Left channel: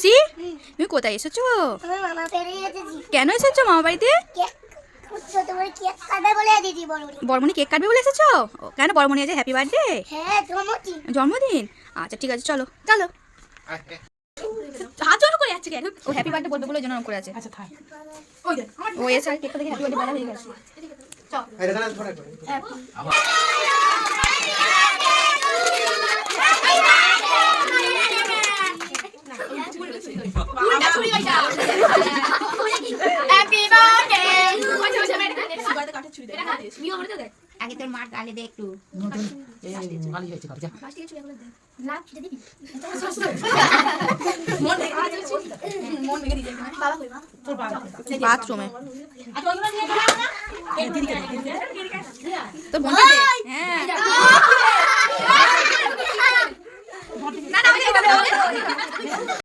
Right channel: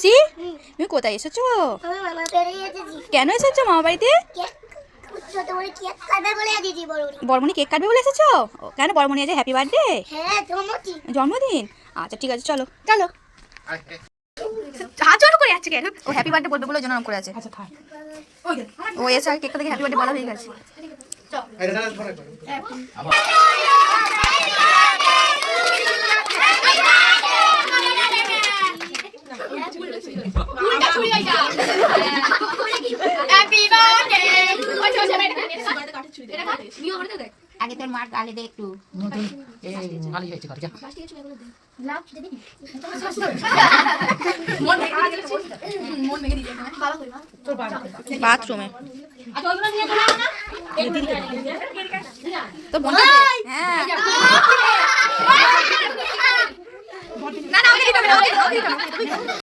C তুমি কোথায় এসেছো? কেন এসেছো মামা বাড়িতে? বর্মনি কেক কাটবে বলে এসেছো? কেন বর্মনি আজ হ্যাপি বার্থডে? জন্মদিন। আচ্ছা ঠিক আছে, চলো চলো। হাত জড়ো করে যাচ্ছে কেন? ও হ্যাপি বার্থডে বলবে বলে জন্য করে আছে। ও এসে কেকটা দেখে হ্যাপি বার্থডে বলা হয়ে গেছে। আগে তোর মার গালে দে একটু বাথরুমে তো বন্ধু হ্যাঁ